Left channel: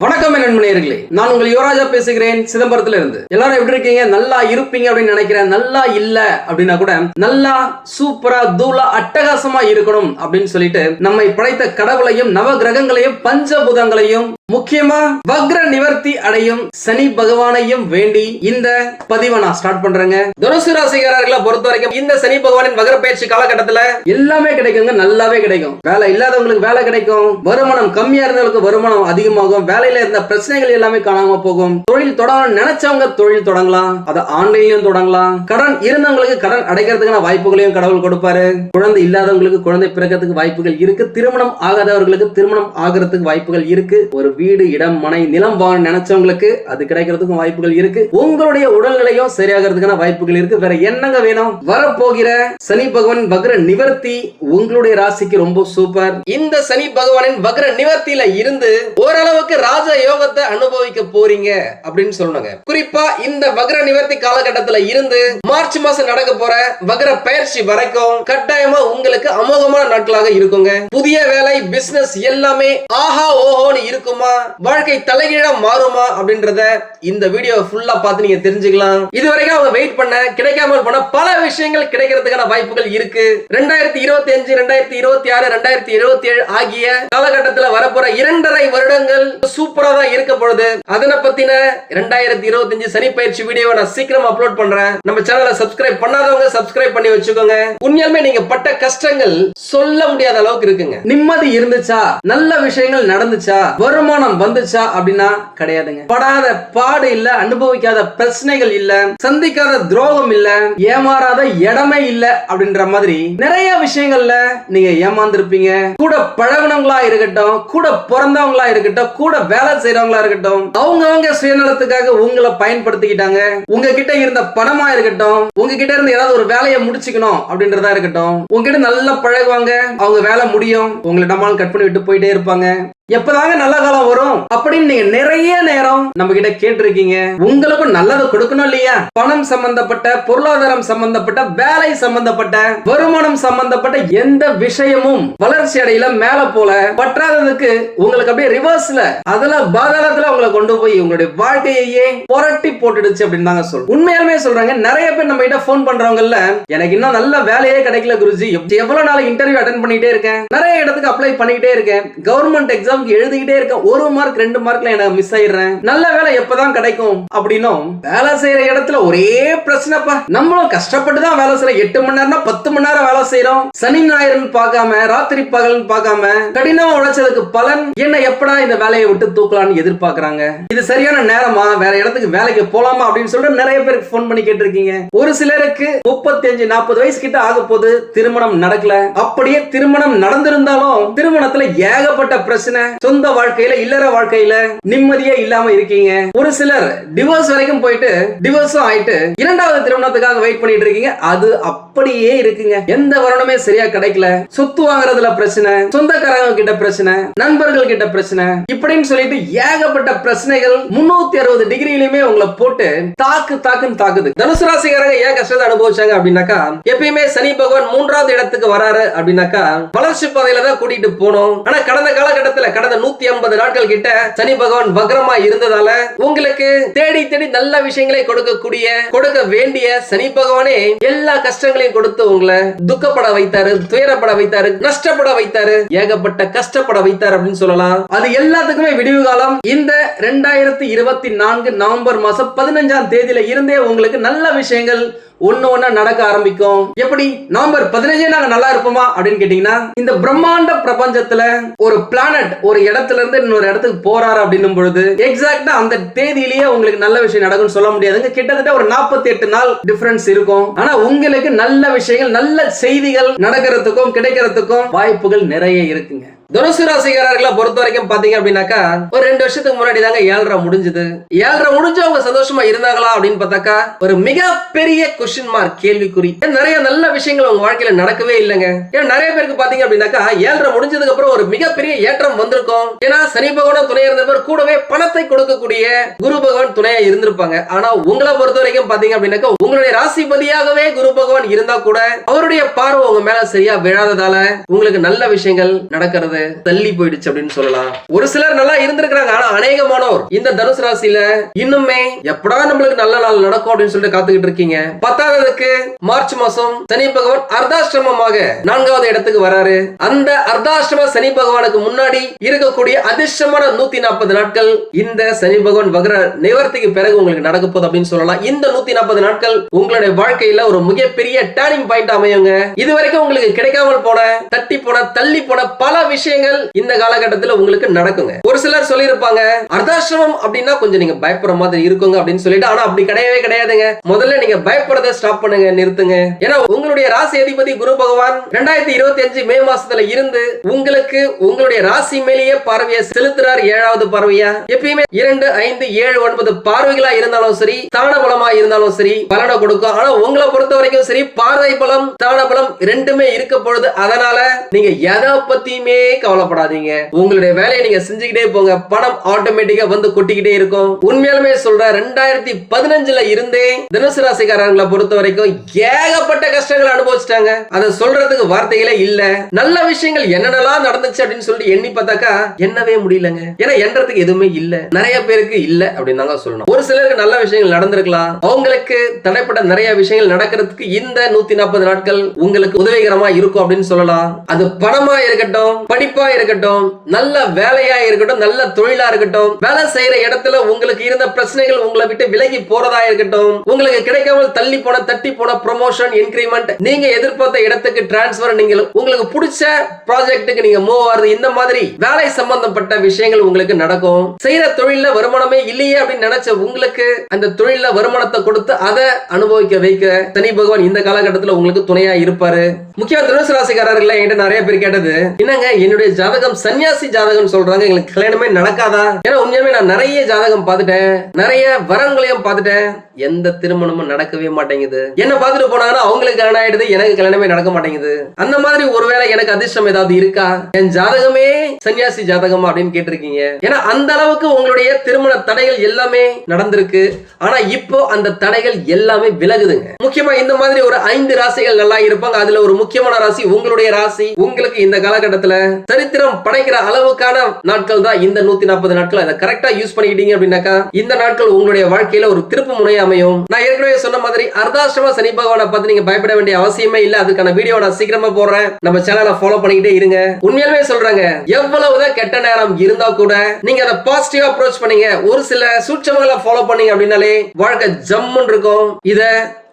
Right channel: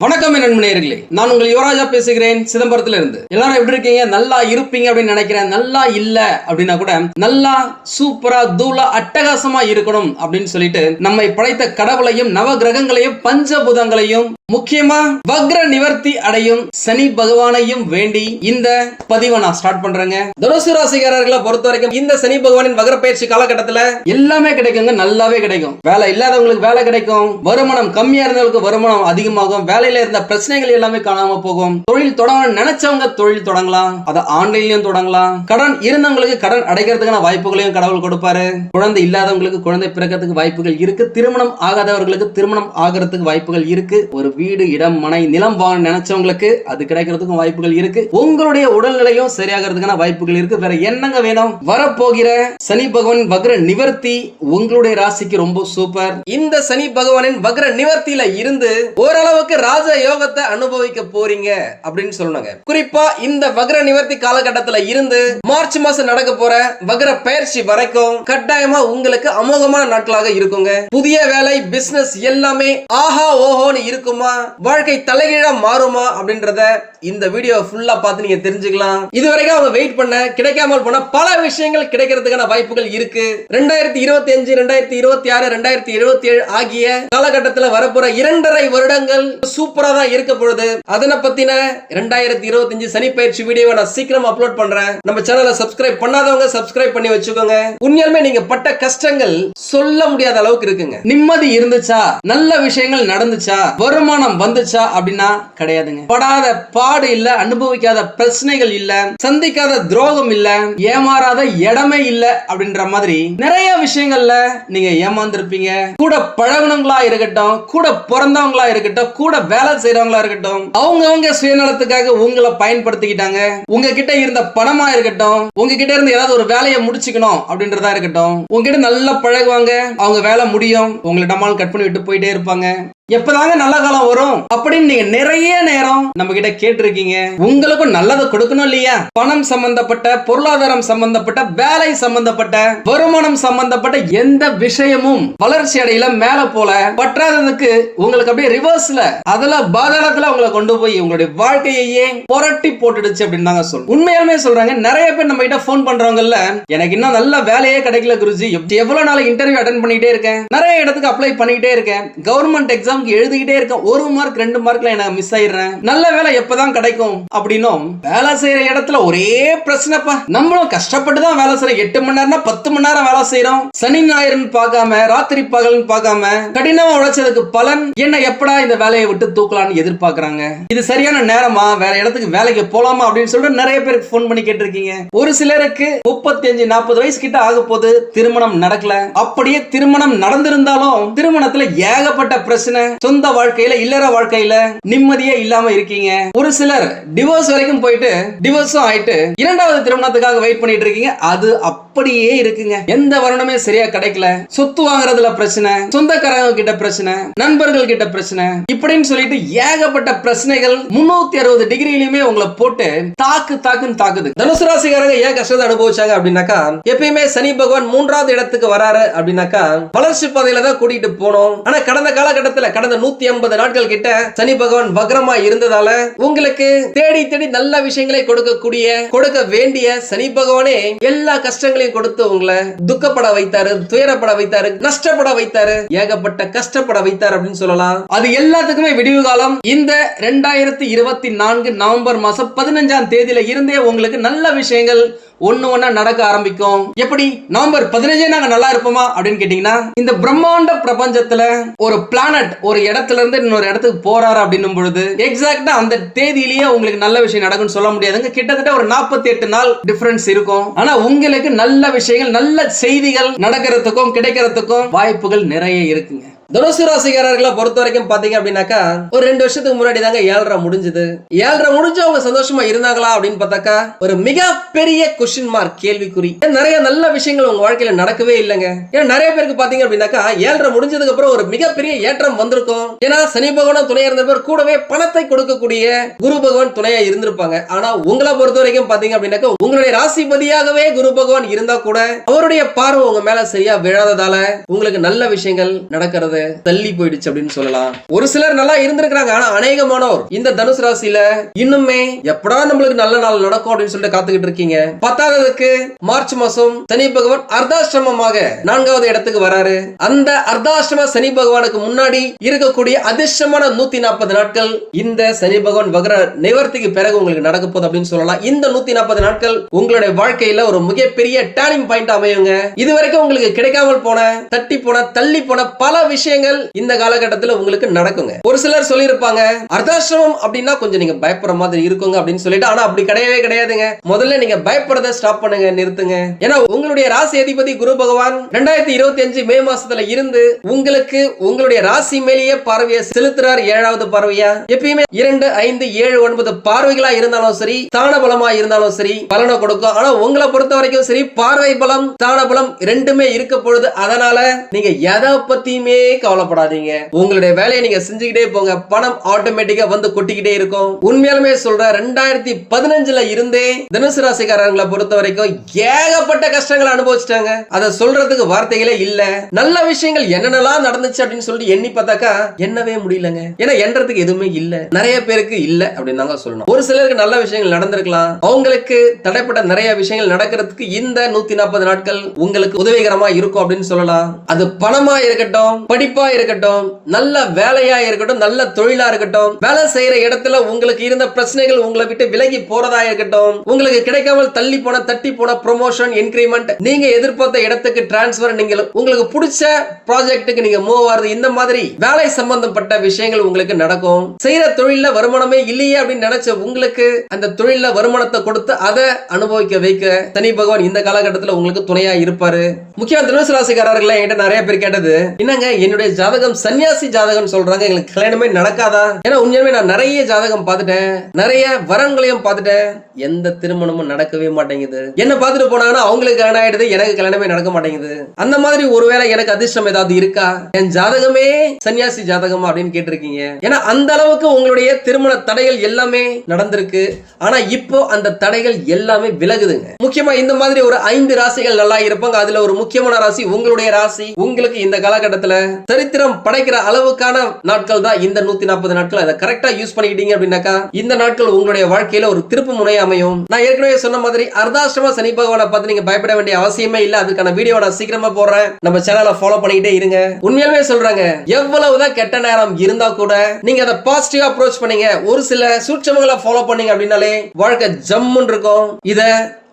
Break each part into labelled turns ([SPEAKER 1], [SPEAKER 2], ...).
[SPEAKER 1] வணக்கம் என் நண்பனேர்களே நான் உங்கள் யுவராஜா பேசுகிறேன் சிதம்பரத்துல இருந்து எல்லாரும் எப்படி இருக்கீங்க? நல்லா இருப்பீங்க அப்படின்னு நினைக்கிறேன். நல்லா இல்ல அப்படின்னா கூட நல்லா சூப்பரா தூளா அட்டகாசமா இருக்கணும் அப்படின்னு சொல்லிட்டு நம்மை படைத்த கடவுளையும் நவ கிரகங்களையும் பஞ்சபூதங்களையும் முக்கியமா வக்ர நிவர்த்தி அடையும் சனி பகவானையும் வேண்டி இந்த பதிவை நான் ஸ்டார்ட் பண்றேங்க. தனுசு ராசிகாரர்களை பொறுத்த வரைக்கும் இந்த சனி பகவானின் வக்ர பயிற்சி காலகட்டத்துல எல்லாமே கிடைக்குங்க. நல்லாவே கிடைக்கும். வேலை இல்லாதவங்களுக்கு வேலை கிடைக்கும். வருமானம் கம்மியா இருந்தவங்களுக்கு வருமானம் அதிகமாகும். வேலையில இருந்த பிரச்சனைகள் எல்லாமே காணாம போகும். தொழில் தொடங்கணும் நினைச்சவங்க தொழில் தொடங்கலாம். அதை ஆன்லைன்லயும் தொடங்கலாம். கடன் இருந்தவங்களுக்கு கடன் அடைக்கிறதுக்கான வாய்ப்புகளையும் கடவுள் கொடுப்பாரு. குழந்தை இல்லாதவங்களுக்கு குழந்தை பிறக்கிறதுக்கு வாய்ப்புகள் இருக்கு. திருமணம் ஆகாதவர்களுக்கு திருமணம் ஆகிறதுக்கு வாய்ப்புகள் இருக்கு. ஒரு வீடு இடம் மனை நிலம் வாங்க நினைச்சவங்களுக்கு அது கிடைக்கிறதுக்கும் வாய்ப்புகள் இருக்கு. உங்களுடைய உடல்நிலையும் சரியாகிறதுக்கான வாய்ப்புகள் இருக்கு. வேற என்னங்க வேணும்? வரப்போகிற சனி பகவான் வக்ர நிவர்த்தி உங்களுடைய ராசிக்கு ரொம்ப சூப்பர். இந்த சனி பகவானின் வக்ர நிவர்த்தியில இருந்து ஓரளவுக்கு ராஜ யோகத்தை அனுபவிக்க போறீங்க அப்படின்னு சொல்லணுங்க. குறிப்பா இந்த வக்ர நிவர்த்தி காலகட்டத்துல இருந்து மார்ச் மாசம் நடக்க போற வக்ர பயிற்சி வரைக்கும் கட்டாயமா உங்களுக்கு அமோகமான நாட்களாக இருக்குங்க. புதிய வேலை பிசினஸ் எல்லாமே ஆஹா ஓஹோன்னு இருக்குமா மாறுமா? வாழ்க்கை தலைகீழா மாறுமா அப்படின்றத இந்த வீடியோ ஃபுல்லா பார்த்து நீங்க தெரிஞ்சுக்கலாம். இதுவரைக்கும் அவங்க வெயிட் பண்ண கிடைக்காமல் போன பல விஷயங்கள் கிடைக்கிறதுக்கான வாய்ப்புகள் இருக்கு. ரெண்டாயிரத்தி இருபத்தி அஞ்சு ரெண்டாயிரத்தி இருபத்தி ஆறு ரெண்டாயிரத்தி இருபத்தி ஏழு ஆகிய காலகட்டத்தில் வரப்போற இரண்டரை வருடங்கள் சூப்பரா தான் இருக்க பொழுது அதனை பத்தின ரெண்டாயிரத்தி இருபத்தி அஞ்சு சனி பயிற்சி வீடியோவை நான் சீக்கிரம் அப்லோட் பண்றேன். நம்ம சேனலை சப்ஸ்கிரைப் பண்ணாதவங்க சப்ஸ்கிரைப் பண்ணி வச்சுக்கோங்க. உண்மையாலுமே நீங்க பட்ட கஷ்டங்கள் சொல்ல முடியாத அளவுக்கு இருக்குங்க. நிம்மதி இருந்துச்சா? நல்ல விஷயங்கள் நடந்துச்சா? வருமானம் வந்துச்சா அப்படின்னா கிடையாதுங்க. படாத பாடு இல்ல அனுபவிக்காத பிரச்சனைகள் இல்ல சந்திக்காத துரோகம் இல்ல ஏமாறாத இடமே இல்ல அப்படின்ற மாதிரி நிறைய விஷயங்கள்ல நீங்க ஏமாந்துருப்பீங்க. கூட பழகுனவங்களா இருக்கட்டும் கூட பிறந்தவங்களா இருக்கட்டும் கூட வேலை செய்யறவங்களா இருக்கட்டும் அவங்க அவங்க சுயநலத்துக்காக உங்களை பயன்படுத்திக்கிட்டாங்க. உங்ககிட்ட இருந்த பணமா இருக்கட்டும் உங்ககிட்ட இருந்து ஏதாவது ஒரு வேலையை முடிச்சுக்கணும் அப்படின்றதா இருக்கட்டும் உங்ககிட்ட நல்லா பழகுவாங்க அவங்க வேலை முடியும் உங்களிடமான கட் பண்ணி விட்டு போயிட்டே இருப்பாங்க. எப்பதாங்க நல்ல காலம் வரும்? அப்படின்னு நீங்க நிறைய நேரம் நம்ம கிட்ட கேட்டிருக்கீங்க. உங்களுக்கும் நல்லதை கொடுக்கணும் இல்லையா? பணம் சம்பந்தப்பட்ட பொருளாதாரம் சம்பந்தப்பட்ட வேலை சம்பந்தப்பட்ட வருமானம் சம்பந்தப்பட்ட எந்த விஷயமும் வளர்ச்சி அடையில மேல போல பற்றாததுக்கு உங்களுக்கு அப்படியே ரிவர்ஸ்ல அதுல பாதாளத்துல உங்களை கொண்டு போய் உங்களுடைய வாழ்க்கையே புரட்டி போட்டுடுச்சு அப்படின்னு தாங்க சொல்றோம். உண்மையாலுமே சொல்றாங்க. நிறைய பேர் நம்ம கிட்ட போன் பண்றவங்கல்ல எனக்கு இன்னும் நல்ல வேலையே கிடைக்கல குருஜி. எவ்வளவு நாள் இன்டர்வியூ அட்டன் பண்ணிட்டே இருக்கேன்? நிறைய இடத்துக்கு அப்ளை பண்ணிக்கிட்டே இருக்கேன். கவர்மெண்ட் எக்ஸாம் எக்ஸாம்க்கு எழுதிக்கிட்டே இருக்கேன் ஒரு மார்க் ரெண்டு மார்க்ல எனக்கு மிஸ் ஆயிடுறேன். நல்ல வேலை எப்பதான் கிடைக்கும்? அப்படின்னும். வேலை செய்யற இடத்துல ஒரே பிரச்சனைப்பா. நம்மளும் கஷ்டப்பட்டு தான் வேலை செய்யறோம். எட்டு மணி நேரம்னா பத்து மணி நேரம் வேலை செய்யறோம். சனி ஞாயிறுன்னு பார்க்காம ராத்திரி பகல்னு பார்க்காம கடினமா உழைச்சதுக்கு பலன். என்ன எப்படா இந்த வேலையை விட்டு தூக்கலாம்னு எதிர்பார்க்கறாங்க? இது சரியான நேரமா? வேற இடத்துக்கு வேலைக்கு போலாமா? அப்படின்னு சொல்லிட்டு நிறைய பேருக்கு ஃபோன் பண்ணி கேட்டிருக்கீங்க. ஒரு சிலருக்கு முப்பத்தி அஞ்சு நாற்பது வயசு கிட்ட ஆக போது திருமணம் நடக்கல. அப்படியே திருமணம் நடந்திருந்தாலும் திருமணத்துல ஏகப்பட்ட பிரச்சனை. சொந்த வாழ்க்கையில இல்லற வாழ்க்கையில நிம்மதியே இல்லாம இருக்கீங்க. ஒரு சிலர் டிவோர்ஸ் வரைக்கும் போயிட்டு டிவோர்ஸும் ஆயிட்டு இரண்டாவது திருமணத்துக்காக வெயிட் பண்ணிட்டு இருக்கீங்க. அது அப்படியே இருக்குங்க. எந்த வருணமே சரியா கிடைக்கல. சொத்து வாங்குறதுல பிரச்சனை சொந்தக்காரங்க கிட்ட பிரச்சனை நண்பர்கள் கிட்ட பிரச்சனை இப்படின்னு சொல்லிட்டு ஏகப்பட்ட பிரச்சனைகள் முன்னூத்தி அறுபது டிகிரியிலுமே உங்களை போட்டு தாக்கு தாக்குன்னு தாக்குது. தனுசு ராசிக்காரங்க ஏன் கஷ்டத்தை அனுபவிச்சாங்க அப்படின்னாக்கா எப்பயுமே சனி பகவான் மூன்றாவது இடத்துக்கு வராரு அப்படின்னாக்கா வளர்ச்சி பாதையில தான் கூட்டிட்டு போனோம். ஆனா கடந்த காலகட்டத்துல கடந்த நூத்தி ஐம்பது நாட்கள் கிட்ட சனி பகவான் வக்ரமா இருந்ததால உங்களுக்கு தேடி தேடி நல்ல விஷயங்களை கொடுக்கக்கூடிய கொடுக்க வேண்டிய சனி பகவானே எல்லா கஷ்டங்களையும் கொடுத்து உங்களை துக்கப்பட வைத்தாரு துயரப்பட வைத்தாரு நஷ்டப்பட வைத்தாரு ஏகப்பட்ட கஷ்டப்பட வைத்தாரு அப்படின்னு சொல்லலாம். அது எல்லாத்துக்குமே விடிவு காலம். இந்த ரெண்டாயிரத்தி இருபத்தி நான்கு நவம்பர் மாசம் பதினஞ்சாம் தேதியில இருந்தே உங்களுக்கு நல்ல விஷயங்கள் ஒன்று ஒண்ணா நடக்க ஆரம்பிக்கும். எப்படி? நவம்பர் பதினஞ்சே நாங்க நல்லா இருப்போமா? அப்படின்னு கேட்டீங்கன்னா இந்த பிரம்மாண்ட பிரபஞ்சத்துல ஒரு பிளானட் ஒரு இடத்துல இருந்து இன்னொரு இடத்துக்கு போறாரு அப்படின்னும் பொழுது எக்ஸாக்டா அந்த தேதியிலேயே உங்களுக்கு நல்ல விஷயம் நடக்கும்னு சொல்ல முடியாதுங்க. கிட்டத்தட்ட ஒரு நாற்பத்தி எட்டு நாள் டிஃபரன்ஸ் இருக்கும். ஆனா உங்களுக்கு நல்ல விஷயங்கள் நல்ல செய்திகள் நடக்கிறதுக்கும் கிடைக்கிறதுக்கும் வாய்ப்புகள் நிறைய இருக்குங்க. தனுசு ராசிக்காரர்களை பொறுத்த வரைக்கும் பாத்தீங்க அப்படின்னாக்கா ஒரு ரெண்டு வருஷத்துக்கு முன்னாடி தாங்க ஏழரை முடிஞ்சது. ஏழரை முடிஞ்சு அவங்க சந்தோஷமா இருந்தாங்களா அப்படின்னு பார்த்தாக்கா ஒரு மிகப்பெரிய கொஸ்டின் மார்க் கேள்விக்குறி. ஏன் நிறைய நல்ல விஷயங்கள் உங்க வாழ்க்கையில நடக்கவே இல்லைங்க. ஏன்னா நிறைய பேருக்கு பாத்தீங்க அப்படின்னாக்கா ஏழரை முடிஞ்சதுக்கு அப்புறம் ஒரு மிகப்பெரிய ஏற்றம் வந்திருக்கும். ஏன்னா சனி பகவான் துணையா இருந்தவர் கூடவே பணத்தை கொடுக்கக்கூடிய குரு பகவான் துணையா இருந்திருப்பாங்க. ஆனா உங்களை பொறுத்த வரைக்கும் பாத்தீங்க அப்படின்னாக்கா உங்களுடைய ராசிபதியாகவே குரு பகவான் இருந்தா கூட அவருடைய பார்வை உங்க மேல சரியா விழாததால உங்களுக்கு நல்ல விஷயங்கள் நடக்கிறது.
[SPEAKER 2] வராது தள்ளி போயிடுச்சு அப்படின்னு சொல்லலாம். ஒரு சிலர் நல்லா இருந்திருக்கிறாங்க ஆனா அநேகமானோர். இந்த தனுசு ராசியில இன்னுமே எப்படா நம்மளுக்கு நல்ல நாள் நடக்கும் அப்படின்னு சொல்லிட்டு காத்துக்கிட்டு இருக்கீங்க. பத்தாவதுக்கு மார்ச் மாசம் சனி பகவான் அர்த்தாசிரமமாக நான்காவது இடத்துக்கு வராரு. அந்த அர்த்தாசிரம சனி பகவானுக்கு முன்னாடி இருக்கக்கூடிய அதிர்ஷ்டமான நூத்தி நாற்பது நாட்கள் இந்த சனி பகவான் வகர நிவர்த்திக்கு பிறகு உங்களுக்கு நடக்க போகுது அப்படின்னு சொல்லலாம். இந்த நூத்தி நாற்பது நாட்கள் உங்களுடைய வாழ்க்கையில ஒரு மிகப்பெரிய டேர்னிங் பாயிண்ட் அமையுங்க. இது வரைக்கும் உங்களுக்கு கிடைக்காமல் போன தட்டி போன தள்ளி போன பல விஷயம் விஷயங்கள் இந்த காலகட்டத்தில் உங்களுக்கு நடக்குங்க. ஒரு சிலர் சொல்லியிருப்பாங்க அர்த்தாசிரமம் அப்படின்னா கொஞ்சம் நீங்க பயப்படுற மாதிரி இருக்குங்க அப்படின்னு சொல்லிட்டு ஆனா அப்படி கிடையவே கிடையாதுங்க. முதல்ல நீங்க பயப்படுறத ஸ்டாப் பண்ணுங்க நிறுத்துங்க. ஏன்னா உங்களுடைய ராசி அதிபதி குரு பகவான் ரெண்டாயிரத்தி இருபத்தி அஞ்சு மே மாசத்துல இருந்து உங்களுக்கு உங்களுடைய ராசி மேலேயே பார்வையை செலுத்துறார் ஏழாவது பார்வையா? எப்பயுமே இரண்டு ஐந்து ஏழு ஒன்பது பார்வைகளா இருந்தாலும் சரி தான பலமா இருந்தாலும் சரி பலனை கொடுக்கும். ஆனா உங்களை பொறுத்த வரைக்கும் சரி பார்வை பலம் தான பலம் ரெண்டுமே இருக்க பொழுது அதனால நீங்க எதை பத்தியுமே கவலைப்படாதீங்க. உங்களுடைய வேலையை நீங்க செஞ்சுக்கிட்டே போங்க. பணம் ஆட்டோமேட்டிக்கா வந்து கொட்டிக்கிட்டே இருக்கும். உண்மையாலுமே சொல்ற ரெண்டாயிரத்தி பதினஞ்சுல இருந்தே தனுசு ராசிக்காரங்களை பொறுத்த வரைக்கும் ஏகப்பட்ட கஷ்டங்களை அனுபவிச்சிட்டாங்க. அதை சொல்றதுக்கு வார்த்தைகளே இல்ல. நல்ல விஷயங்கள் என்னென்னலாம் நடந்துச்சு அப்படின்னு சொல்லிட்டு எண்ணி பார்த்தாக்கா என்னவே முடியலங்க. ஏன்னா எண்றதுக்கு எதுவுமே இல்ல. நிறைய பேருக்கு இல்ல அப்படின்னு தாங்க சொல்லணும். ஒரு சிலருக்கு நல்ல விஷயங்கள் நடந்திருக்கலாம். அவங்களுக்கு தடைப்பட்ட நிறைய விஷயங்கள் நடக்கிறதுக்கு இந்த நூத்தி நாற்பது நாட்கள் உங்களுக்கு உதவிகரமா இருக்கும் அப்படின்னு சொல்லலாம். அது பணமா இருக்கட்டும் படி படிப்பா இருக்கட்டும் நல்ல வேலையா இருக்கட்டும் நல்ல தொழிலா இருக்கட்டும் வேலை செய்யற இடத்துல உங்களுக்கு இருந்த பிரச்சனைகள் உங்களை விட்டு விலகி போறதா இருக்கட்டும் உங்களுக்கு கிடைக்காமல் தள்ளி போன தட்டி போன ப்ரொமோஷன் இன்கிரிமெண்ட் நீங்க எதிர்பார்த்த இடத்துக்கு டிரான்ஸ்பர் நீங்க உங்களுக்கு பிடிச்ச ப்ராஜெக்ட்டுக்கு நீங்க மூவ் ஆகுறது இந்த மாதிரி வேலை சம்பந்தப்பட்ட விஷயங்கள் உங்களுக்கு நடக்கும். செய்யற தொழில வருமானமே இல்லையே அப்படின்னு நினைச்ச உங்களுக்கு அந்த தொழில்ல வருமானத்தை கொடுத்து அதை அனுபவிக்க வைக்க சனி பகவான் இந்த காலகட்டத்தில் உங்களுக்கு துணையா இருப்பாரு. முக்கியமா தனுசு ராசிக்காரர்கள் என்கிட்ட நிறைய பேர் கேட்டது என்னங்க என்னுடைய ஜாதகம் சன்னியாசி ஜாதகம் சொல்றாங்க. எங்களுக்கு கல்யாணமே நடக்காதா? ஏன்னா உண்மையாவே நான் நிறைய ஜாதகம் பார்த்துட்டேன். நிறைய வரங்களையும் பார்த்துட்டேன். எந்த திருமணமும் நடக்கவே மாட்டேங்குது. என்ன பார்த்துட்டு போனாலும் அவங்களுக்கு கல்யாணம் ஆயிடுது எனக்கு கல்யாணமே நடக்க மாட்டேங்குது. அந்த மாதிரி ஒருவேளை எனக்கு அதிர்ஷ்டம் ஏதாவது இருக்கா? என் ஜாதகமே சன்னியாசி ஜாதகம் அப்படின்னு கேட்டிருக்கீங்க. ஏன்னா அந்த அளவுக்கு உங்களுடைய திருமண தடைகள் எல்லாமே நடந்திருக்கு. ஆனா இப்போ அந்த தடைகள் எல்லாமே விலகுதுங்க. முக்கியமா இந்த மாதிரி ஒரு ஐந்து ராசிகள் நல்லா இருப்பாங்க. அதுல ஒரு முக்கியமான ராசி உங்களுடைய ராசி. உங்களுக்கு இந்த காலகட்டத்துல சரித்திரம் படைக்கிற அளவுக்கான நாட்கள் தான் இந்த நூத்தி நாற்பது நாட்கள். அதை கரெக்டா யூஸ் பண்ணிக்கிட்டீங்க அப்படின்னாக்கா இந்த நாட்கள் உங்களுடைய வாழ்க்கையில ஒரு திருப்பு முனை அமையும். நான் ஏற்கனவே சொன்ன மாதிரி அர்தாசிரம சனி பகவானை பார்த்து நீங்க பயப்பட வேண்டிய அவசியமே இல்ல. அதுக்கான வீடியோ நான் சீக்கிரமா போடுறேன். நம்ம சேனலை ஃபாலோ பண்ணிக்கிட்டே இருங்க. உண்மையாலுமே சொல்றாங்க எவ்வளவுதான் கெட்ட நேரம் இருந்தா கூட நீங்க அதை பாசிட்டிவா அப்ரோச் பண்ணீங்க. ஒரு சில சூட்சமங்களை ஃபாலோ பண்ணீங்க அப்படின்னாலே வாழ்க்கை ஜம்முன்னு இருக்கும். இத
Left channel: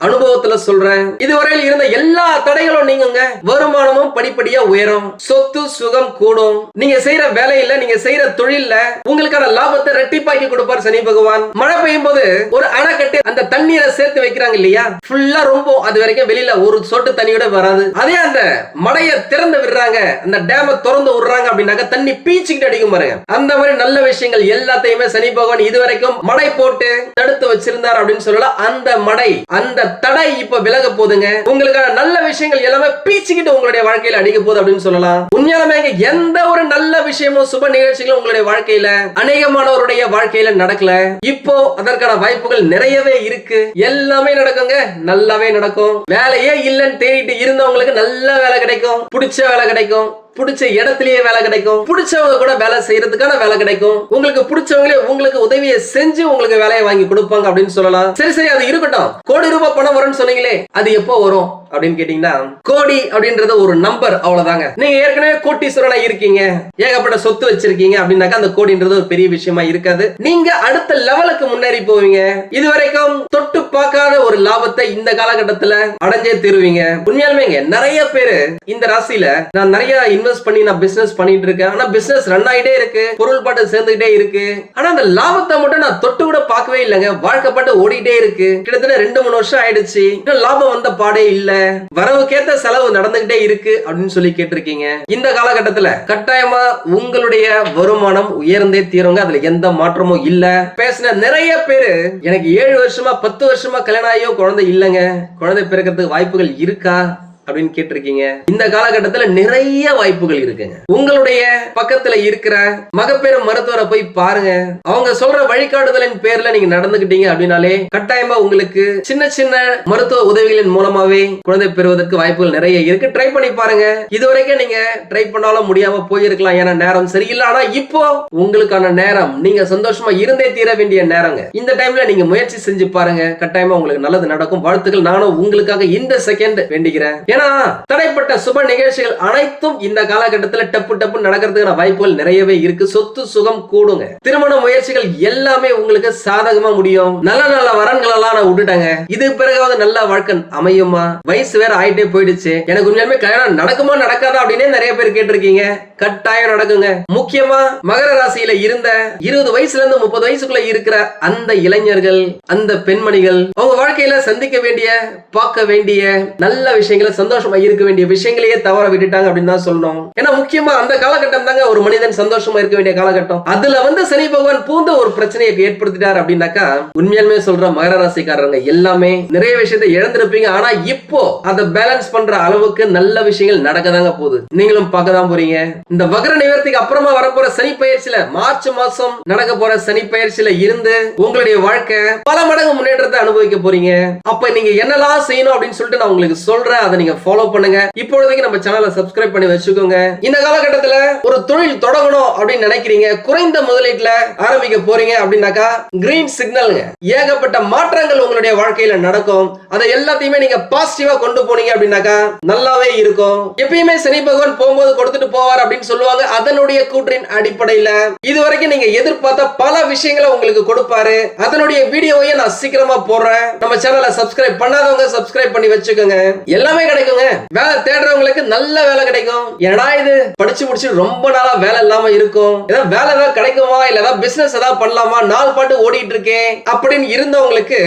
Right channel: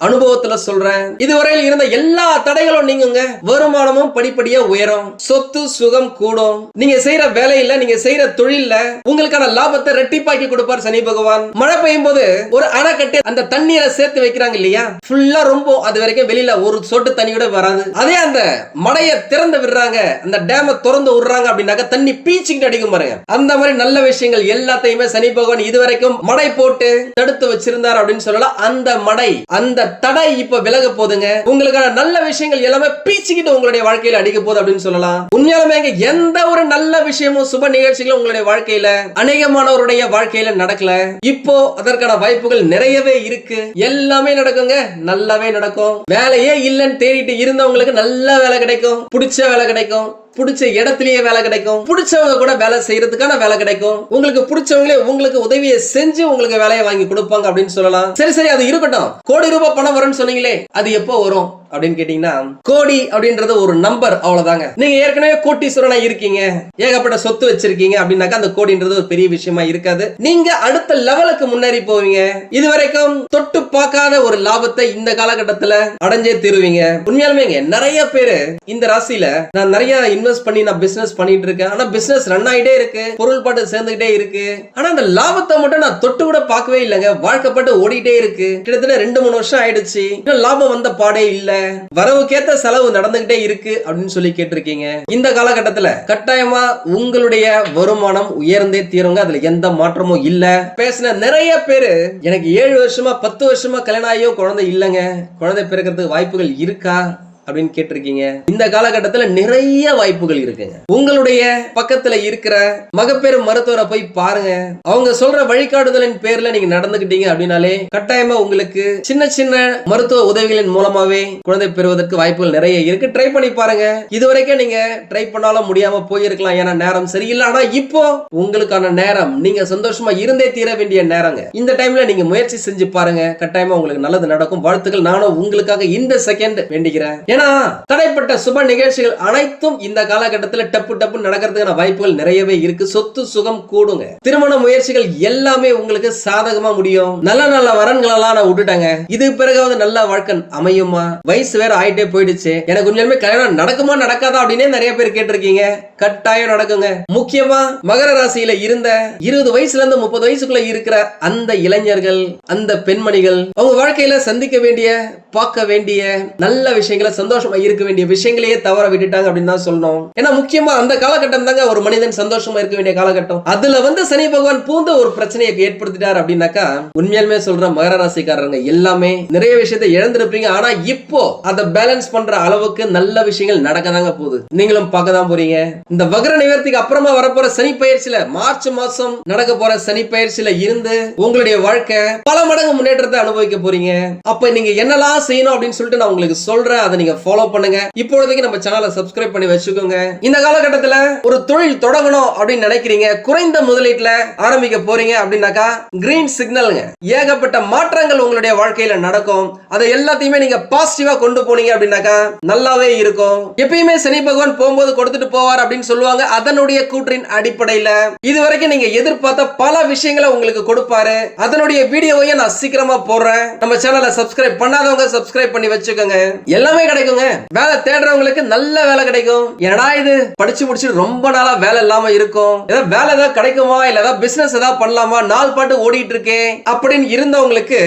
[SPEAKER 2] அனுபவத்துல சொல்றேன். இதுவரையில் இருந்த எல்லா தடைகளும் நீங்குங்க. வருமானமும் படிப்படியா உயரும். சொத்து சுகம் கூடும். நீங்க செய்யற வேலையில நீங்க செய்யற தொழில்ல உங்களுக்கான லாபத்தை ரெட்டிப்பாக்கி கொடுப்பார் சனி பகவான். மழை பெய்யும் போது ஒரு அணை கட்டி அந்த தண்ணீரை சேர்த்து வைக்கிறாங்க இல்லையா? ஃபுல்லா ரொம்ப அது வரைக்கும் வெளியில ஒரு சொட்டு தண்ணியோட வராது. அதே அந்த மடையை திறந்து விடுறாங்க. அந்த டேம திறந்து விடுறாங்க அப்படின்னாக்க தண்ணி பீச்சுக்கிட்டு அடிக்கும் பாருங்க. அந்த மாதிரி நல்ல விஷயங்கள் எல்லாத்தையுமே சனி பகவான் இதுவரைக்கும் மடை போட்டு தடுத்து வச்சிருந்தார் அப்படின்னு சொல்லலாம் அந்த மடை அந்த தடை இப்ப விலக போகுதுங்க. உங்களுக்கான நல்ல விஷயங்கள் எல்லாமே பீச்சுக்கிட்டு உங்களுடைய வாழ்க்கையில அடிக்க போகுது அப்படின்னு சொல்லலாம். உண்மையாலுமே இங்க எந்த ஒரு நல்ல விஷயமும் சுப நிகழ்ச்சிகளும் உங்களுடைய வாழ்க்கையில அநேகமானவருடைய வாழ்க்கையில நடக்கல. இப்போ அதற்கான வாய்ப்புகள் நிறையவே இருக்கு. எல்லாமே நடக்குங்க. நல்லாவே நடக்கும். வேலையே இல்லைன்னு தேடிட்டு இருந்தவங்களுக்கு நல்ல வேலை கிடைக்கும். பிடிச்ச வேலை கிடைக்கும். பிடிச்ச இடத்துலயே வேலை கிடைக்கும். பிடிச்சவங்க கூட வேலை செய்யறதுக்கான வேலை கிடைக்கும். உங்களுக்கு பிடிச்சவங்களே உங்களுக்கு உதவியை செஞ்சு உங்களுக்கு வேலையை வாங்கி கொடுப்பாங்க அப்படின்னு சொல்லலாம். சரி சரி அது இருக்கட்டும். கோடி ரூபாய் பணம் வரும்னு சொன்னீங்களே அது எப்போ வரும்? அப்படின்னு கேட்டீங்கன்னா கோடி அப்படின்றது ஒரு நம்பர் அவ்வளவுதாங்க. நீங்க ஏற்கனவே கோட்டீஸ்வரனா இருக்கீங்க. ஏகப்பட்ட சொத்து வச்சிருக்கீங்க அப்படின்னாக்கா அந்த கோடின்றது ஒரு பெரிய விஷயமா இருக்காது. நீங்க அடுத்த லெவலுக்கு முன்னேறி போவீங்க. இது வரைக்கும் தொட்டு பார்க்காத ஒரு லாபத்தை இந்த காலகட்டத்துல அடைஞ்சே தீருவீங்க. உண்மையாலுமேங்க நிறைய பேரு இந்த ராசியில நான் நிறைய இன்வெஸ்ட் பண்ணி நான் பிசினஸ் பண்ணிட்டு இருக்கேன். ஆனா பிசினஸ் ரன் ஆயிட்டே இருக்கு. பொருள் பாட்டு சேர்ந்துகிட்டே இருக்கு. ஆனா அந்த லாபத்தை மட்டும் நான் தொட்டு கூட பார்க்கவே இல்லைங்க. வாழ்க்கப்பட்டு ஓடிட்டே இருக்கு. கிட்டத்தட்ட ரெண்டு மூணு வருஷம் ஆயிடுச்சு. இன்னும் லாபம் வந்த பாடே இல்லை. வரவுக்கேத்த செலவு நடந்துகிட்டே இருக்கு அப்படின்னு சொல்லி கேட்டிருக்கீங்க. இந்த காலகட்டத்துல கட்டாயமா உங்களுடைய வருமானம் உயர்ந்தே தீருங்க. அதுல எந்த மாற்றமும் இல்ல. பேசின நிறைய பேரு எனக்கு ஏழு வருஷமா பத்து வருஷமா கல்யாணம் ஆகியும் குழந்தை இல்லைங்க. குழந்தை பிறக்கிறதுக்கு வாய்ப்புகள் இருக்கா? அப்படின்னு கேட்டிருக்கீங்க. இந்த காலகட்டத்துல நிறைய வாய்ப்புகள் இருக்குங்க. உங்களுடைய பக்கத்துல இருக்கிற மகப்பேறு மருத்துவரை போய் பாருங்க. அவங்க சொல்ற வழிகாட்டுதலின் பேர்ல நீங்க நடந்துகிட்டீங்க அப்படின்னாலே கட்டாயமா உங்களுக்கு சின்ன சின்ன மருத்துவ உதவிகளின் மூலமாவே குழந்தை பெறுவதற்கு வாய்ப்புகள் நிறைய இருக்கு. ட்ரை பண்ணி பாருங்க. இதுவரைக்கும் நீங்க ட்ரை பண்ணாலும் முடியாம போயிருக்கலாம். ஏன்னா நேரம் சரியில்லை. ஆனா இப்போ உங்களுக்கான நேரம் நீங்க சந்தோஷமா இருந்தே தீர வேண்டிய நேரங்க. இந்த டைம்ல நீங்க முயற்சி செஞ்சு பாருங்க. கட்டாயமா உங்களுக்கு நல்லது நடக்கும். வாழ்த்துக்கள். நானும் உங்களுக்காக இந்த செகண்ட் வேண்டிக்கிறேன் ஏன்னா தடைப்பட்ட சுப நிகழ்ச்சிகள் அனைத்தும் இந்த காலகட்டத்துல டப்பு டப்பு நடக்கிறதுக்கான வாய்ப்புகள் நிறையவே இருக்கு. சொத்து சுகம் கூடுங்க. திருமண முயற்சிகள் எல்லாமே உங்களுக்கு சாதகமா முடியும். நல்ல நல்ல வரன்கள் எல்லாம் நான் விட்டுட்டேங்க. இது பிறகாவது நல்ல வாழ்க்கை அமையுமா? வயசு வேற ஆயிட்டே போயிடுச்சு. எனக்கு உண்மையுமே கல்யாணம் நடக்குமா நடக்காதா அப்படின்னே நிறைய பேர் கேட்டிருக்கீங்க. கட்டாயம் நடக்குங்க. முக்கியமா மகர ராசியில இருந்த இருபது வயசுல இருந்து முப்பது வயசுக்குள்ள இருக்கிற அந்த இளைஞர்கள் அந்த பெண்மணிகள் அவங்க வாழ்க்கையில சந்திக்க வேண்டிய பார்க்க வேண்டிய நல்ல விஷயங்களை சந்தோஷமா இருக்க வேண்டிய விஷயங்களையே தவற விட்டுட்டாங்க அப்படின்னு தான் சொல்லணும். ஏன்னா முக்கியமா அந்த காலகட்டம் தாங்க ஒரு மனிதன் சந்தோஷமா இருக்க வேண்டிய காலகட்டம். அதுல வந்து சனி பகவான் பூந்த ஒரு பிரச்சனையை ஏற்படுத்திட்டார் அப்படின்னாக்கா உண்மையாலுமே சொல்ற மகர ராசிக்காரங்க எல்லாமே நிறைய விஷயத்தை இழந்திருப்பீங்க. ஆனா இப்போ அதை பேலன்ஸ் பண்ற அளவுக்கு நல்ல விஷயங்கள் நடக்கதாங்க போகுது. நீங்களும் பார்க்க தான் போறீங்க. இந்த வகர நிவர்த்திக்கு அப்புறமா வரப்போற சனி பயிற்சியில மார்ச் மாசம் நடக்க போற சனி பயிற்சியில இருந்து உங்களுடைய வாழ்க்கை பல மடங்கு முன்னேற்றத்தை அனுபவிக்க போறீங்க. அப்ப நீங்க என்னெல்லாம் செய்யணும் அப்படின்னு சொல்லிட்டு நான் உங்களுக்கு சொல்றேன். அதை நீங்க ஃபாலோ பண்ணுங்க. இப்பொழுதைக்கு நம்ம சேனலை சப்ஸ்கிரைப் பண்ணி வச்சுக்கோங்க. இந்த காலகட்டத்துல ஒரு தொழில் தொடங்கணும் அப்படின்னு நினைக்கிறீங்க. குறைந்த முதலீட்டுல ஆரம்பிக்க போறீங்க அப்படின்னாக்கா கிரீன் சிக்னல்ங்க ஏகப்பட்ட மாற்றங்கள் உங்களுடைய வாழ்க்கையில நடக்கும். அதை எல்லாத்தையுமே நீங்க பாசிட்டிவா கொண்டு போனீங்க அப்படின்னாக்கா நல்லாவே இருக்கும். எப்பயுமே சனி பகவான் போகும்போது கொடுத்துட்டு போவார் அப்படின்னு சொல்லுவாங்க. அதனுடைய கூற்றின் அடிப்படையில இதுவரைக்கும் நீங்க எதிர்பார்த்த பல விஷயங்களை உங்களுக்கு கொடுப்பாரு. அதனுடைய வீடியோவையும் நான் சீக்கிரமா போடுறேன். நம்ம சேனலை சப்ஸ்கிரைப் பண்ணாதவங்க சப்ஸ்கிரைப் பண்ணி வச்சுக்கோங்க. எல்லாமே கிடைக்கும். கிடைக்குங்க வேலை தேடுறவங்களுக்கு நல்ல வேலை கிடைக்கும். என்னடா இது? படிச்சு முடிச்சு ரொம்ப நாளா வேலை இல்லாம இருக்கும். ஏதாவது வேலை ஏதாவது கிடைக்குமா? இல்ல ஏதாவது பிசினஸ் ஏதாவது பண்ணலாமா? நாள் பாட்டு ஓடிட்டு இருக்கேன் அப்படின்னு இருந்தவங்களுக்கு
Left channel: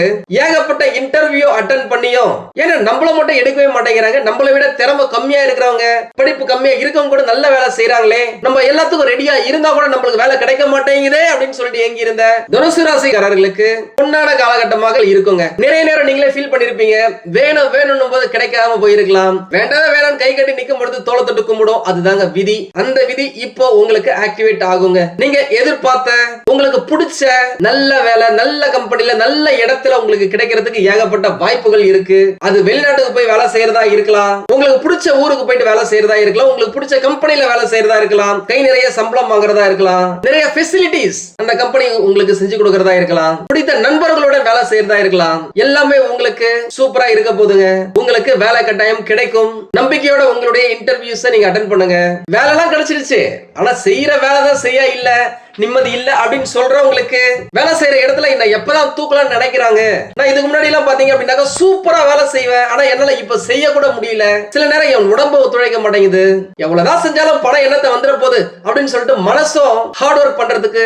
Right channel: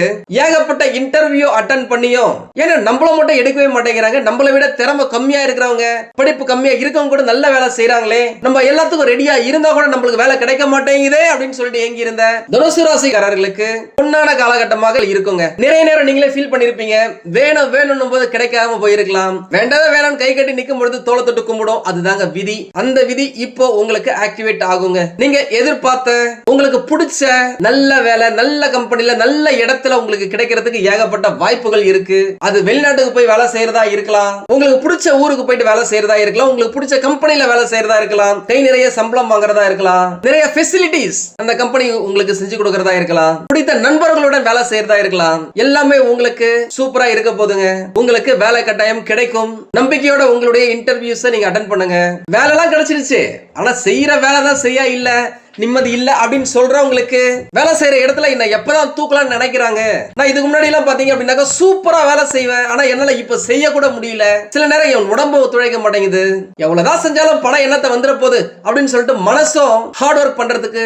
[SPEAKER 2] ஏகப்பட்ட இன்டர்வியூ அட்டன் பண்ணியும் ஏன்னா நம்மள மட்டும் எடுக்கவே மாட்டேங்கிறாங்க. நம்மளை விட திறமை கம்மியா இருக்கிறவங்க படிப்பு கம்மியா இருக்கவங்க கூட நல்ல வேலை செய்யறாங்களே நம்ம எல்லாத்துக்கும் ரெடியா இருந்தா கூட நம்மளுக்கு வேலை கிடைக்க மாட்டேங்குதே அப்படின்னு சொல்லிட்டு ஏங்கி இருந்த தனுசு ராசிக்காரர்களுக்கு பொன்னான காலகட்டமாக இருக்குங்க. நிறைய நேரம் நீங்களே ஃபீல் பண்ணிருப்பீங்க. வேணும் வேணும் போது கிடைக்காம போயிருக்கலாம் வேண்டாத வேணாம் கை கட்டி நிக்கும் பொழுது தோலை தொட்டு கும்பிடும். அதுதாங்க விதி. அந்த விதி இப்போ உங்களுக்கு ஆக்டிவேட் ஆகுங்க. நீங்க எதிர்பார்த்த உங்களுக்கு பிடிச்ச நல்ல வேலை நல்ல கம்பெனில நல்ல இடத்துல உங்களுக்கு கிடைக்கிறதுக்கு ஏகப்பட்ட வாய்ப்புகள் இருக்கு. அது வெளிநாட்டுக்கு போய் வேலை செய்யறதா இருக்கலாம். உங்களுக்கு பிடிச்ச ஊருக்கு போயிட்டு வேலை செய்யறதா இருக்கலாம். உங்களுக்கு பிடிச்ச கம்பெனில வேலை செய்யறதா இருக்கலாம். கை நிறைய சம்பளம் வாங்குறதா இருக்கலாம். நிறைய பெசிலிட்டிஸ் அந்த கம்பெனி உங்களுக்கு செஞ்சு கொடுக்கறதா இருக்கலாம். பிடித்த நண்பர்களுடன் வேலை செய்யறதா இருக்கலாம். எல்லாமே உங்களுக்கு சூப்பரா இருக்க போதுங்க உங்களுக்கு வேலை கட்டாயம் கிடைக்கும். நம்பிக்கையோட உங்களுடைய இன்டர்வியூஸை நீங்க அட்டன் பண்ணுங்க. வேலைலாம் கிடைச்சிருச்சு. ஆனா செய்யற வேலை தான் செய்ய இல்ல நிம்மதி இல்ல அப்படின்னு சொல்றவங்களுக்கு வேலை செய்யற இடத்துல என்ன எப்பதான் தூக்கலாம்னு நினைக்கிறாங்க. நான் இதுக்கு முன்னாடி எல்லாம் பாத்தீங்க அப்படின்னாக்கா சூப்பரா வேலை செய்வேன். ஆனா என்னால இப்ப செய்ய கூட முடியல. சில நேரம் என் உடம்பு ஒத்துழைக்க மாட்டேங்குது. எவ்வளவுதான் செஞ்சாலும் பணம் என்னத்தை வந்துட போகுது அப்படின்னு சொல்லிட்டு மனசும் ஹார்ட் ஒர்க் பண்றதுக்கு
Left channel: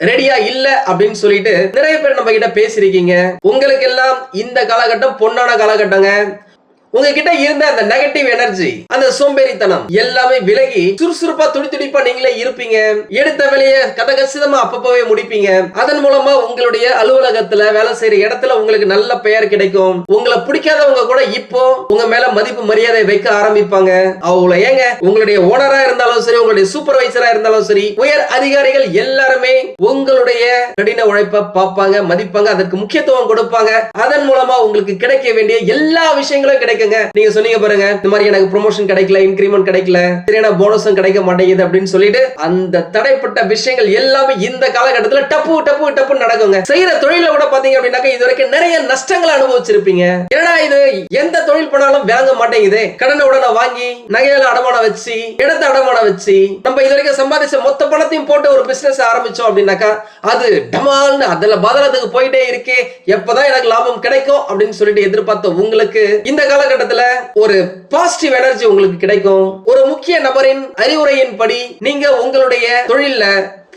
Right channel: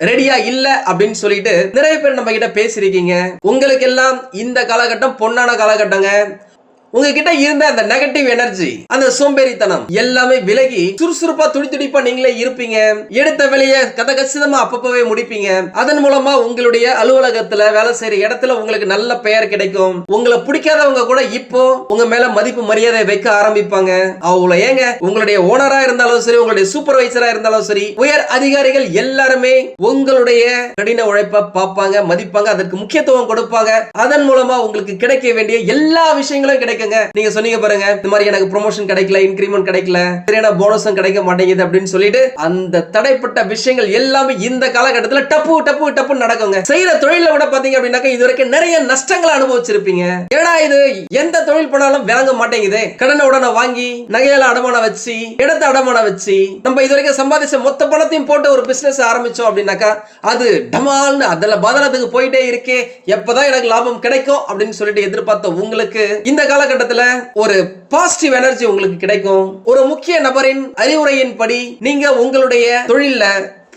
[SPEAKER 2] ரெடியா இல்ல அப்படின்னு சொல்லிட்டு நிறைய பேர் நம்ம கிட்ட பேசிருக்கீங்க உங்களுக்கு எல்லாம் இந்த காலகட்டம் பொன்னான காலகட்டங்க. உங்ககிட்ட இருந்த அந்த நெகட்டிவ் எனர்ஜி அந்த சோம்பேறித்தனம் எல்லாமே விலகி சுறுசுறுப்பா துடி துடிப்பா நீங்களே இருப்பீங்க. எடுத்த வேலையை கத கச்சிதமா அப்பப்பவே முடிப்பீங்க. அதன் மூலமா உங்களுடைய அலுவலகத்துல வேலை செய்யற இடத்துல உங்களுக்கு நல்ல பெயர் கிடைக்கும். உங்களை பிடிக்காதவங்க கூட இப்போ உங்க மேல மதிப்பு மரியாதை வைக்க ஆரம்பிப்பாங்க. அவ்வளவு ஏங்க உங்களுடைய ஓனரா இருந்தாலும் சரி உங்களுடைய சூப்பர்வைசரா இருந்தாலும் சரி உயர் அதிகாரிகள் எல்லாருமே உங்களுடைய கடின உழைப்பை பார்ப்பாங்க மதிப்பாங்க அதற்கு முக்கியத்துவம் கொடுப்பாங்க. அதன் மூலமா உங்களுக்கு கிடைக்க வேண்டிய எல்லா விஷயங்களும் கேளுங்க. நீங்க சொன்னீங்க பாருங்க. இந்த மாதிரி எனக்கு ப்ரொமோஷன் கிடைக்கல இன்கிரிமெண்ட் கிடைக்கல சரியான போனஸும் கிடைக்க மாட்டேங்குது அப்படின்னு சொல்லிட்டு அந்த தடைப்பட்ட விஷயங்கள் எல்லாமே இந்த காலகட்டத்தில் டப்பு டப்பு டப்பு நடக்குங்க. செய்யற தொழில கூட பாத்தீங்க அப்படின்னாக்க இது வரைக்கும் நிறைய நஷ்டங்களை அனுபவிச்சிருப்பீங்க. ஏன்னா இது? எந்த தொழில் பண்ணாலும் விளங்க மாட்டேங்குது. கடனை உடனே வாங்கி நகையில அடமான வச்சு இடத்த அடமான வச்சு நம்ம இது வரைக்கும் சம்பாதிச்ச மொத்த பணத்தையும் போட்டு ஒரு பிசினஸ் ஆரம்பிச்சோம் அப்படின்னாக்கா அது டமால்னு அதுல பதலத்துக்கு போயிட்டே இருக்கே. எப்பதான் எனக்கு லாபம் கிடைக்கும் அப்படின்னு சொல்லிட்டு எதிர்பார்த்த உங்களுக்கு இந்த கால காலகட்டத்துல ஒரு பாசிட்டிவ் எனர்ஜி உங்களுக்கு கிடைக்கும். ஒரு முக்கிய நபரின் அறிவுரையின்படி நீங்க உங்களுடைய தொழில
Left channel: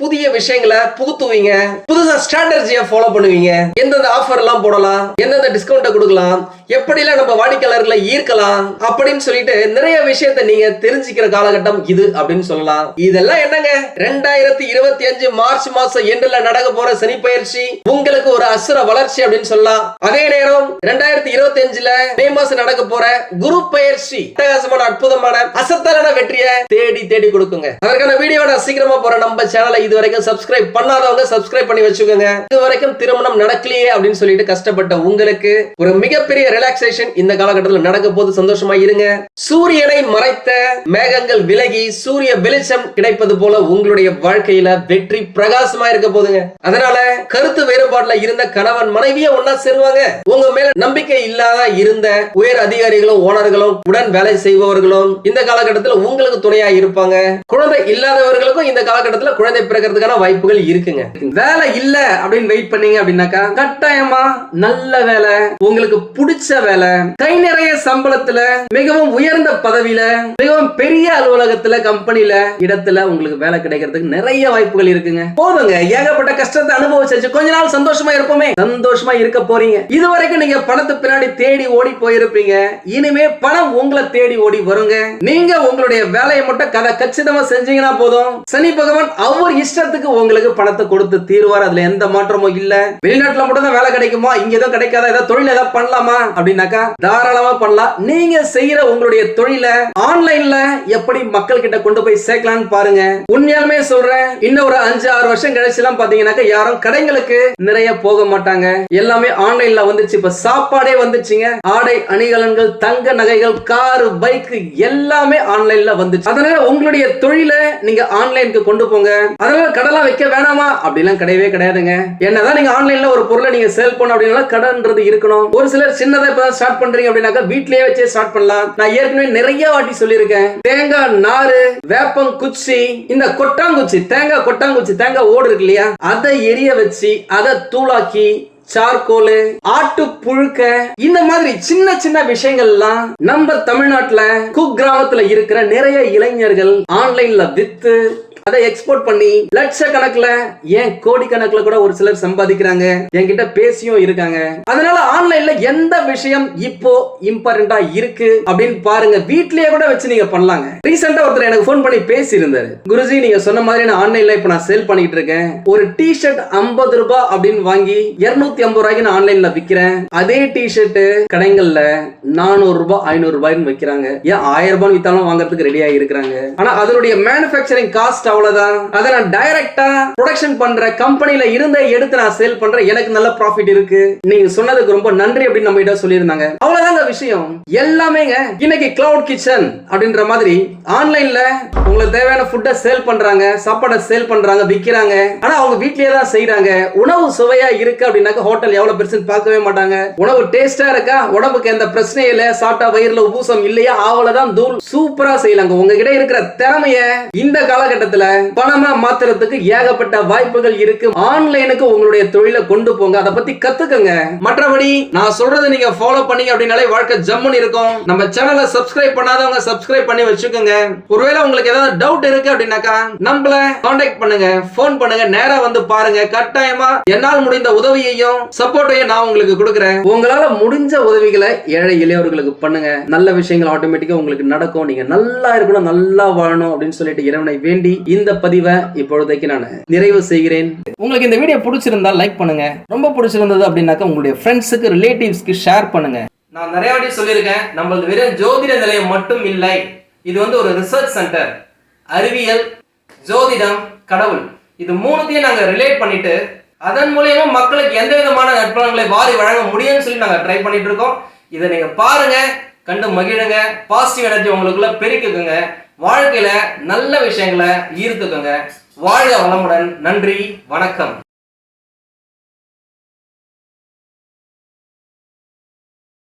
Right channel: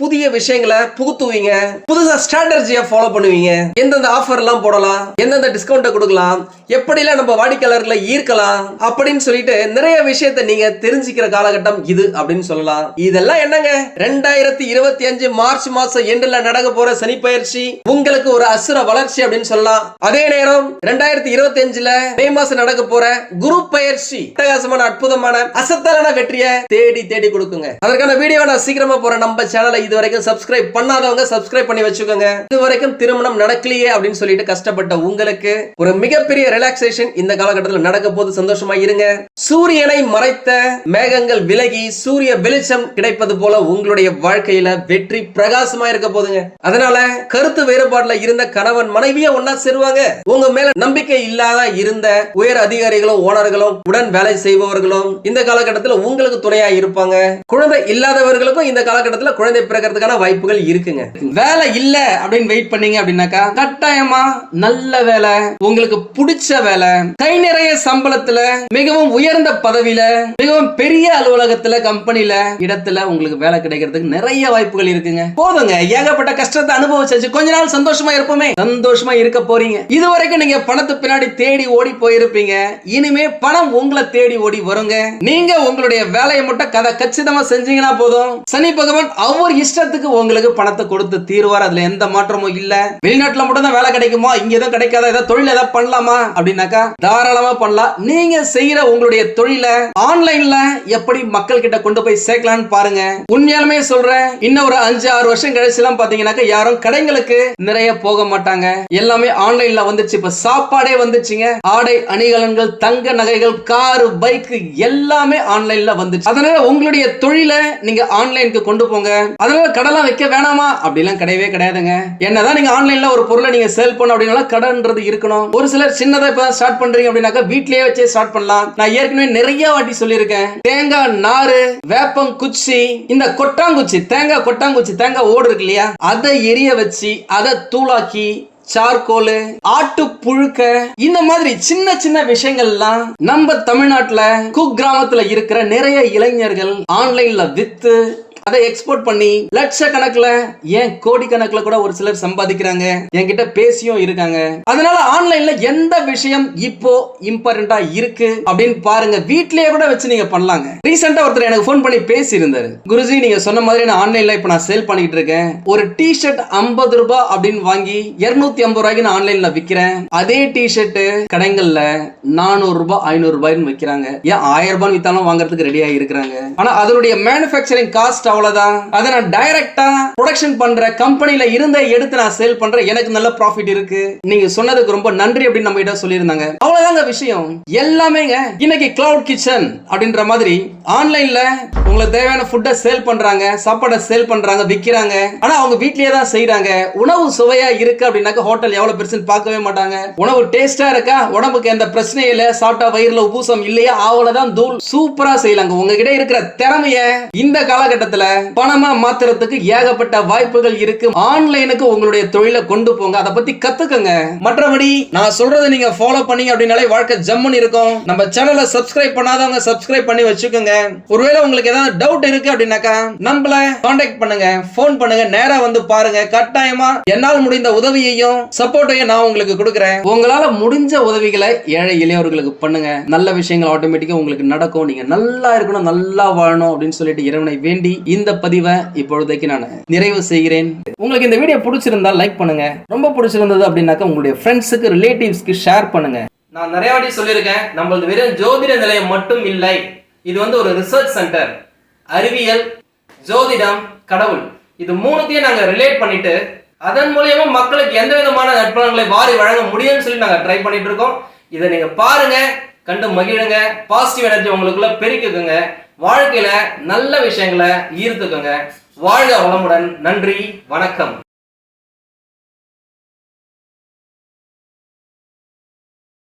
[SPEAKER 2] புதிய விஷயங்களை புகுத்துவீங்க. புதுசா ஸ்ட்ராட்டஜியை ஃபாலோ பண்ணுவீங்க. எந்தெந்த ஆஃபர் எல்லாம் போடலாம் எந்தெந்த டிஸ்கவுண்ட்டை கொடுக்கலாம் எப்படிலாம் நம்ம வாடிக்கையாளர்களை ஈர்க்கலாம் அப்படின்னு சொல்லிட்டு நிறைய விஷயத்தை நீங்க தெரிஞ்சுக்கிற காலகட்டம் இது அப்படின்னு சொல்லலாம். இதெல்லாம் என்னங்க? ரெண்டாயிரத்தி இருபத்தி அஞ்சு மார்ச் மாசம் எண்டுல நடக்க போற சனி பயிற்சி உங்களுக்கு ஒரு அசுர வளர்ச்சி அப்படின்னு சொல்லலாம். அதே நேரம் ரெண்டாயிரத்தி இருபத்தி அஞ்சுல மே மாசம் நடக்க போற குரு பயிற்சி அட்டகாசமான அற்புதமான அசத்தலான வெற்றியை தேடி தேடி கொடுக்குங்க. அதற்கான வீடியோ நான் சீக்கிரமா போற நம்ம சேனலை இது வரைக்கும் சப்ஸ்கிரைப் பண்ணாதவங்க சப்ஸ்கிரைப் பண்ணி வச்சுக்கோங்க. இது வரைக்கும் திருமணம் நடக்கலையே அப்படின்னு சொல்லிட்டு கஷ்டப்பட்ட உங்களுக்கு ஒரு மிகப்பெரிய ரிலாக்ஸேஷன் இந்த காலகட்டத்தில் நடக்க போது சந்தோஷமா இருங்க. சூரியனை மறைத்த மேகங்கள் விலகி சூரிய வெளிச்சம் கிடைப்பது போல உங்களுடைய வாழ்க்கையில வெற்றி பிரகாசமா இருக்க போதுங்க. அதனால கருத்து வேறுபாடுல இருந்த கணவன் மனைவியை ஒன்னா சேருவாங்க. உங்க மேல நம்பிக்கை இல்லாத இருந்த உயர் அதிகாரிகளும் ஓனர்களும் உடன் வேலை செய்பவர்களும் இந்த காலகட்டத்தில் உங்களுக்கு துணையா இருப்பாங்க. குழந்தை இல்லாதவர்களுக்கும் இந்த காலகட்டத்தில் குழந்தை பிறக்கிறதுக்கான வாய்ப்புகள் இருக்குங்க.
[SPEAKER 1] வேலை இல்ல அப்படின்னு வெயிட் பண்ணீங்க அப்படின்னாக்கா கட்டாயமா நல்ல வேலை உங்களுக்கு பிடிச்ச வேலை கை நிறைய சம்பளத்துல மிகவும் உயர்ந்த பதவியில மிகவும் பெரிய அலுவலகத்துல கம்பெனில இடத்துல உங்களுக்கு வேலை கிடைக்கிறதுக்கு நிறைய வாய்ப்புகள் இருக்குங்க. போதுங்க. ஏகப்பட்ட கஷ்டத்தை அனுபவிச்சு கொஞ்ச நாள் சந்தோஷமா இருப்போமே. சந்தோஷமா இருக்க போறீங்க. இது வரைக்கும் நீங்க பணத்து பின்னாடி தேடி ஓடி போயிருப்பீங்க. இனிமே பணம் உங்களை தேடி ஓடி வருங்க. நீங்க உங்களுடைய வேலையை மட்டும் கதை கச்சிதமா செஞ்சீங்கன்னா போதும். சனி பகவான் அவர் இஷ்டத்துக்கு உங்களுக்கு பணத்தை கொடுத்து தீர்வார். அதுல எந்த மாற்றமும் இல்ல. வெளிநாட்டுல மட்டும் தான் வேலை கிடைக்குமா? இங்க எதுவும் கிடைக்காத? ஏதாவது தொழில் ஏதாவது பண்ணலாமா? அப்படின்னாக்கா தாராளமா பண்ணலாம். நீங்க செய்யற உங்களுடைய தொழிலை ஆன்லைன்ல எப்படி மக்கள் கிட்ட கொண்டு போய் சேர்க்கலாம்னு பாருங்க. உண்மையாலுமே சொல்றேன் இன்னும் ஒரு அஞ்சு ஆறு வருஷம் கழிச்சு எல்லாம் பாத்தீங்கன்னாக்கா யாரும் கடைங்களுக்கு நிறைய போக மாட்டாங்க. எல்லாமே ஆன்லைன்ல வந்துச்சு இப்ப சாப்பாடே வந்துச்சுங்க ஆடை அணிகலன்கள் தங்க நகைகள் கார் பைக் எல்லாமே ஆன்லைன்ல வந்துச்சு அதனால உங்களுடைய தொழிலை நீங்க ஆன்லைனுக்கு கொண்டு போங்க. அதனால கடலாம் வைக்க வேணாமா? அப்படிலாம் கிடையவே கிடையாதுங்க. என்னதான் நீங்க ஆன்லைன்ல ஒரு பொருளை நீங்க சேல் பண்ண அப்படின்னா கடன்றது இருக்கணும். ஒரு சிலர் சின்னதா இப்ப ஸ்டார்ட் பண்றீங்க அப்படின்னாக்கா வீட்லயே வச்சே ஸ்டார்ட் பண்ணலாம். நான் ஏற்கனவே நிறைய வாட்டி சொல்லியிருக்கேன். தேங்காய் நாறு வேப்பம் குச்சி இந்த கொட்டாங்குச்சி தேங்காய் கொட்டாங்குச்சி தேங்காய் ஓடு இருக்கு இல்லையா? அதை எரிய வச்சு அதை தூளாக்கி சார்கோல் ஆட்டு புழுக்க இந்த மாதிரி சின்ன சின்ன விஷயங்கள்லாம் நம்ம தமிழ்நாட்டுல குக்கிராமத்துல இருக்கிற நிறைய இளைஞர்கள் ஆன்லைன்ல வித்து அதை எக்ஸ்போர்ட் பண்ணி லட்ச கணக்குல ஏன் கோடி கணக்குல கூட ஒரு சிலர் சம்பாதிக்கிறாங்க? என்கிட்ட பேசியும் இருக்காங்க. அதனால ஆன்லைன்ல எந்த விஷயம் இப்போ இம்பார்ட்டண்டா இருக்கு அப்படின்னு பாருங்க. வீட்லயே கூட வச்சு நீங்க பண்ணலாங்க. ரீசெண்டா ஒருத்தர் எனக்கு ஃபோன் பண்ணி பேசி இருந்தாரு குருஜி நீங்க சொன்ன மாதிரி நான் ஆன்லைன்ல இப்ப நான் சேல் பண்ணிட்டு இருக்கேன். ஒரு டி ஷர்ட் ஐம்பது ரூபாய் அப்படின்னு வாங்கி இருநூத்தி ஐம்பது ரூபாய்க்கு நான் ஆன்லைன்ல விக்கிறேன். அதே டி ஷர்ட் கடைகள்ல நானூறு ரூபாய் ஐநூறு ரூபாய்னு விக்கிறாங்க. ஏன் ஆயிரம் ரூபாய் வித்தாலும் வாங்குறதுக்கு ரெடியா இருக்கிறாங்க. ஆனா அதனுடைய மேனுஃபேக்சரிங் காஸ்ட் அவ்வளவுதான். அதை நான் டைரக்டா ப்ரொடக்ஷன் பண்ற கம்பெனில இருந்த எடுத்து நான் சேல் பண்றேன் எனக்கு நல்ல ப்ராஃபிட் இருக்கு. நீங்க சொன்னதுக்கு ரொம்ப நன்றி அப்படின்னு நம்ம கிட்ட சொல்லியிருந்தாங்க. அவ்வளவுதாங்க விஷயம். எல்லாமேங்க இன்னைக்கு கிளவுட் கிச்சன் அப்படின்ற மாதிரி ஆன்லைன்ல உங்களுக்கு தேவையான ஃபுட்டை சேல் பண்றாங்க சாப்பாடை சேல் பண்றாங்க விக்கிறாங்க. ஆனா அவங்க வீட்லயே தான் செய்யறாங்க உணவு சுவையா இருக்கு அப்படின்னாக்க ஹோட்டல் எவ்வளவு பெருசுன்னு பார்க்கவே மாட்டாங்க. உணவு டேஸ்டா இருக்கா? உடம்புக்கு எந்த பிரச்சனையும் இல்ல. சாப்பிட்டா வயிறுல உபூசம் இல்லையா? அவ்வளவுதான் தூள் சூப்பரா செய்யலாங்க. உங்ககிட்ட இருக்கிற திறமைய இந்த காலகட்டத்தில் பணமா மாத்துறதுக்கு ஏகப்பட்ட வாய்ப்புகள் இருக்கு. ஆன்லைனுக்கு உங்களுடைய தொழிலை கொண்டு போங்க. அதை பத்தி கத்துக்கங்க. மற்றபடி நான் சொல்றதை நீங்க ஃபாலோ பண்ணீங்க அப்படின்னாலே வாழ்க்கை ஜம்முன்னு இருக்கும். நம்ம சேனலை சப்ஸ்கிரைப் பண்ணாதவங்க சப்ஸ்கிரைப் பண்ணி வச்சுக்கோங்க. ஒருவேளை உங்களுக்கு ஏதாவது டவுட் இருக்கு அப்படின்னாக்கா நம்மள காண்டாக்ட் பண்ணுங்க. ஃபோன் பண்ணுங்க. நேரா வந்து பாருங்க. கட்டாயமா என்னால் முடிந்த உதவியையும் சப்போர்ட்டையும் நான் உங்களுக்கு கொடுக்குறேன். உங்களால முடிஞ்ச உதவிகளை ஏழை இளையவர்களுக்கு பண்ணுங்க. நல்ல விஷயங்கள் ஆட்டோமேட்டிக்கா உங்களுக்கு நடக்கும். நீங்க நல்லா இருக்கணும் நல்லா வாழணும் அப்படின்னு சொல்லிட்டு இறைவனை வேண்டி இந்த பதிவை இப்பொழுதைக்கு நான் நிறைவு செய்கிறேன். உங்களுக்கு இந்த வீடியோ பிடிச்சிருந்தா லைக் பண்ணுங்க. ரொம்ப பிடிச்சிருந்தது அப்படின்னாக்கா உங்களுடைய ஃப்ரெண்ட்ஸுக்கு ரிலேட்டிவ்ஸ்க்கு ஷேர் பண்ணுங்க. நான் நிறைய வாட்டி சொல்லியிருக்கேன் நம்மளது வெறும் ஜோதிட நிலையம் மட்டும் இல்லை. இது வந்து ஒரு ரிசர்ச் சென்டர் அறிவியல் ஜோதிடம் கடவுள். இது மூணுத்தையும் நாங்கள் ரிலேட் பண்ணிட்டு அதன் மூலயமா மக்களுக்கு எந்த விதமான நற்பலன்களை வாரி வழங்க முடியும்னு சொல்லி நாங்கள் ட்ரை பண்ணிட்டு இருக்கோம். இதை நீங்கள் பாருங்க கண்டு மகிழுங்க பாசிட்டிவ் எனர்ஜி உங்களுக்குள்ள பெருக்குங்க. வாழ்க்கையில் நல்ல விஷயங்களை ஈர்த்துக்கோங்க. வாழ்க வளமுடன். நன்றி. வணக்கம்.